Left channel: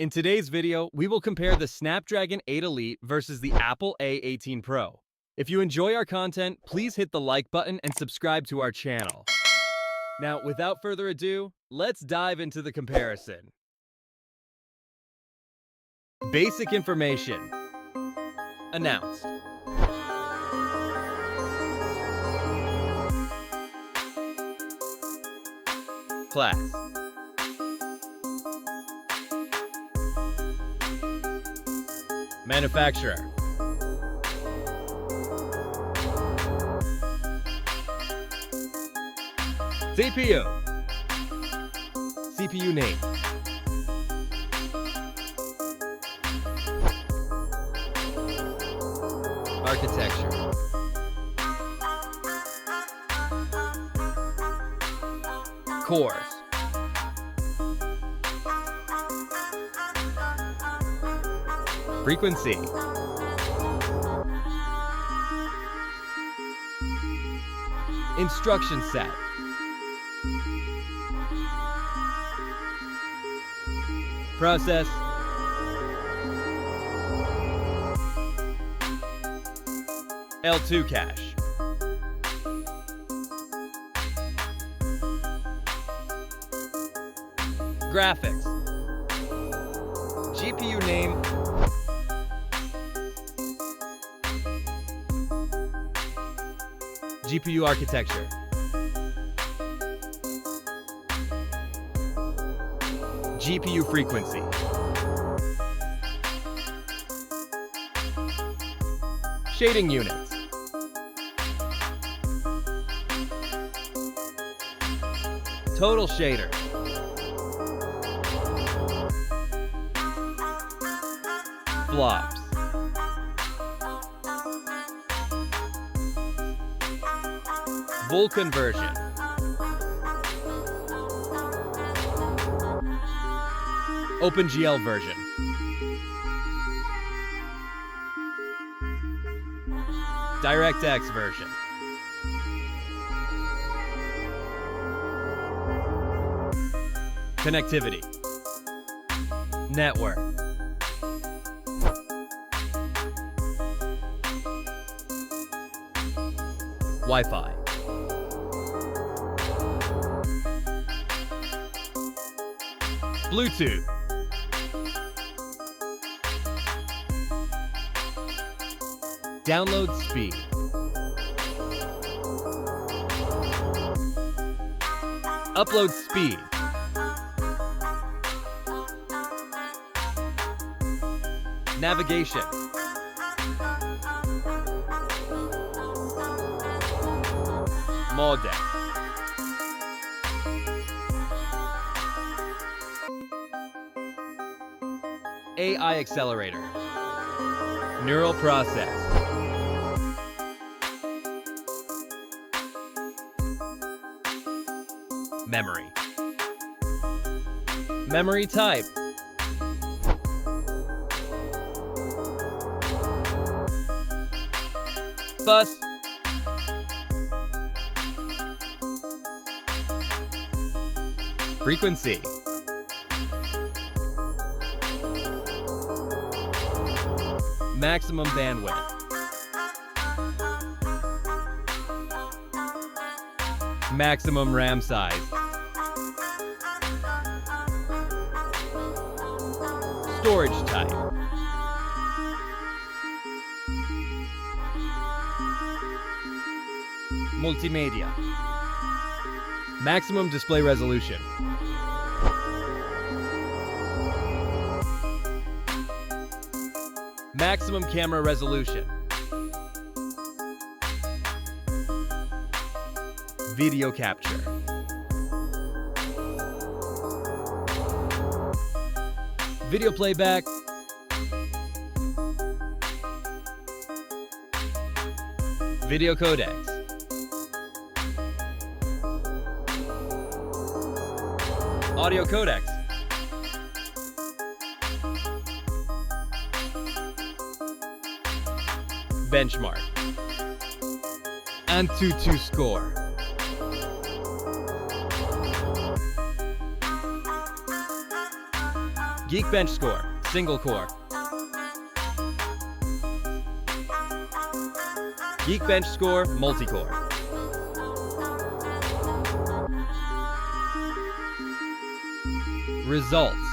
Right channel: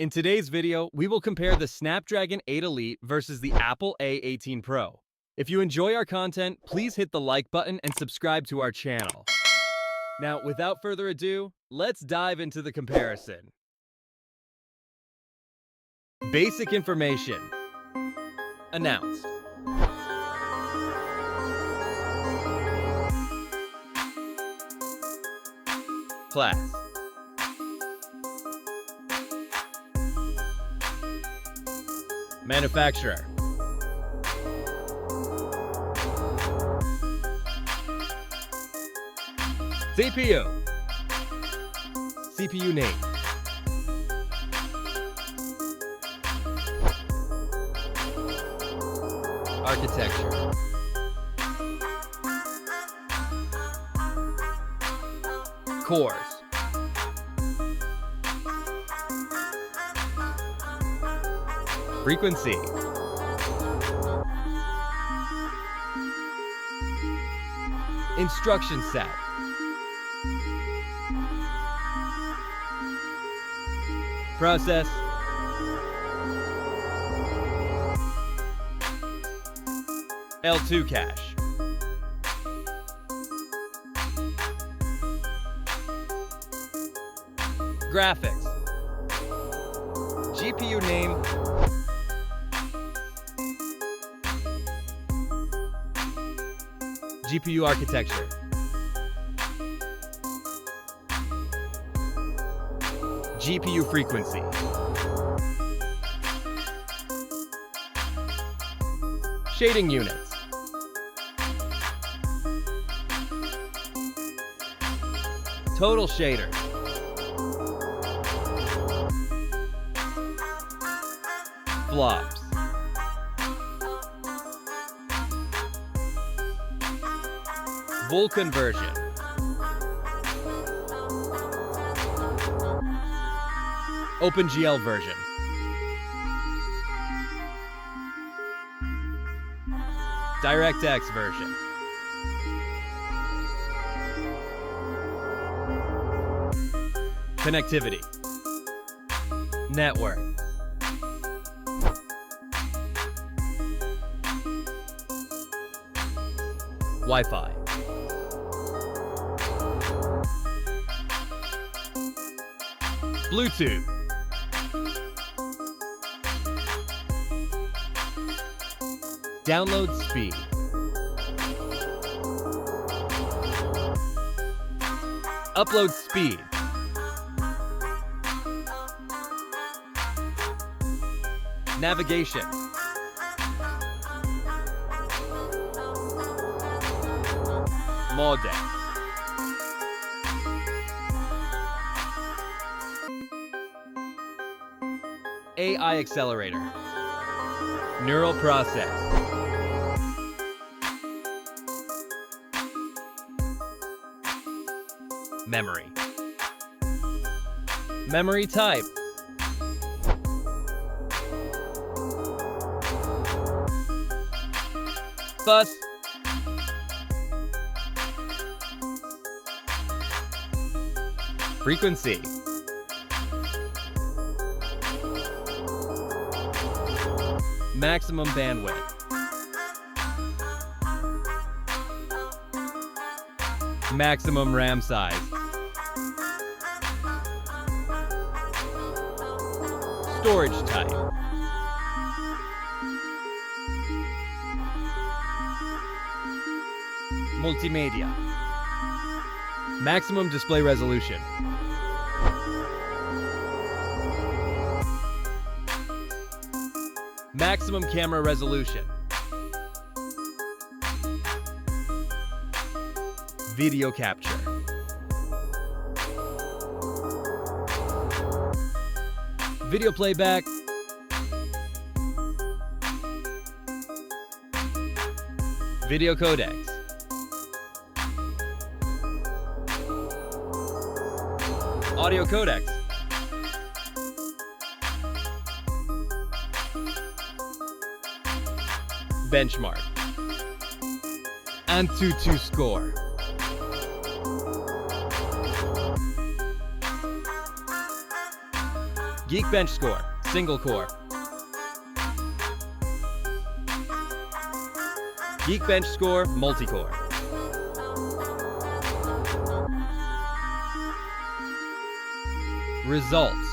In today's video, we will compare the Snapdragon 8 Elite versus the Apple A18 Pro. If you enjoy our content, please hit the like button and subscribe to our channel. Now, without further ado, let's dive into the comparison. Basic information. Announced. Class. Manufacturer. CPU. CPU name. Architecture. Cores. Frequency. Instruction set. Process. L2 cache. Graphics. GPU name. GPU architecture. GPU frequency. Shading units. Total shaders. Flops. Vulkan version. OpenGL version. DirectX version. Connectivity. Network. Wi-Fi. Bluetooth. Download speed. Upload speed. Navigation. Modem. AI accelerator. Neural process. Memory. Memory type. Bus. Frequency. Maximum bandwidth. Maximum RAM size. Storage type. Multimedia. Maximum display resolution. Maximum camera resolution. Video capture. Video playback. Video codecs. Audio codecs. Benchmark. AnTuTu score. Geekbench score, single core. Geekbench score, multi-core. Results.